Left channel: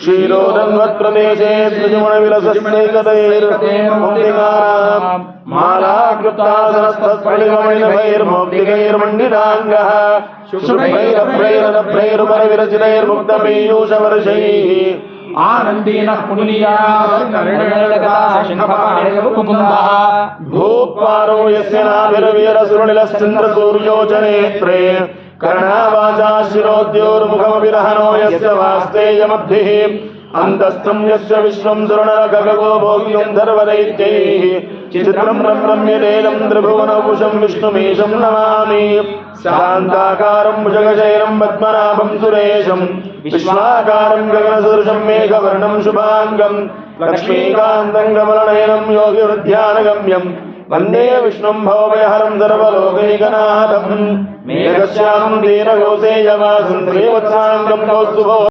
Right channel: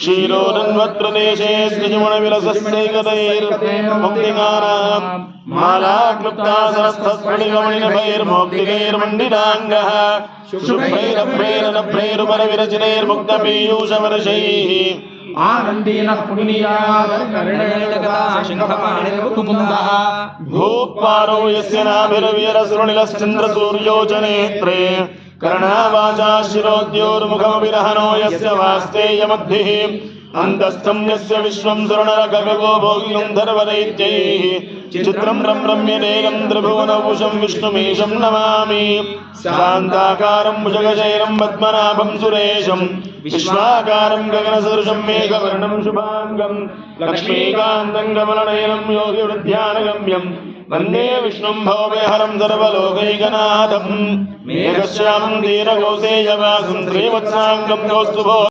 शीलोरन्वत्प्रदेशे स्निजमणविलसस्यैकदैर्मुक्तिकारां मालाकृतासनस्तस्फटिकमणिभैर्मौक्तिकैर्मण्डिताङ्गः शुभ्रैरभ्रैरनभ्रैरुपरिविरचितैर्मुक्तपीयूषवर्षैः आनंदेन पुलिया कर्णलता शंखपाणिर्कुकुम्भः भूपारो यस्य नाभिर्वीरसुरनिलश्चन्द्रसूर्योचनेत्रे कर्णावाचा शिरोद्योर्मुखमभिरहनो यस्य वास्तेयमब्धिः अन्तस्थं यस्य विश्वं सुरनरगगो भोग्यन्धर्वदैत्यैः चित्रं रम्यतेनं त्रिभुवनौकुशं विष्णुमीशं नमामि शान्ताकारं भुजगशयनं पद्मनाभं सुरेशं विश्वाकारं गगनसदृशं मेघवर्णं शुभाङ्गं लक्ष्मीकान्तं कमलनयनं योगिवृद्ध्यानगम्यं वन्दे विष्णुं भवभयहरं सर्वलोकैकनाथं मेघश्यामं दीर्घकौसेयवासं श्रीवत्साङ्गं कौस्तुभो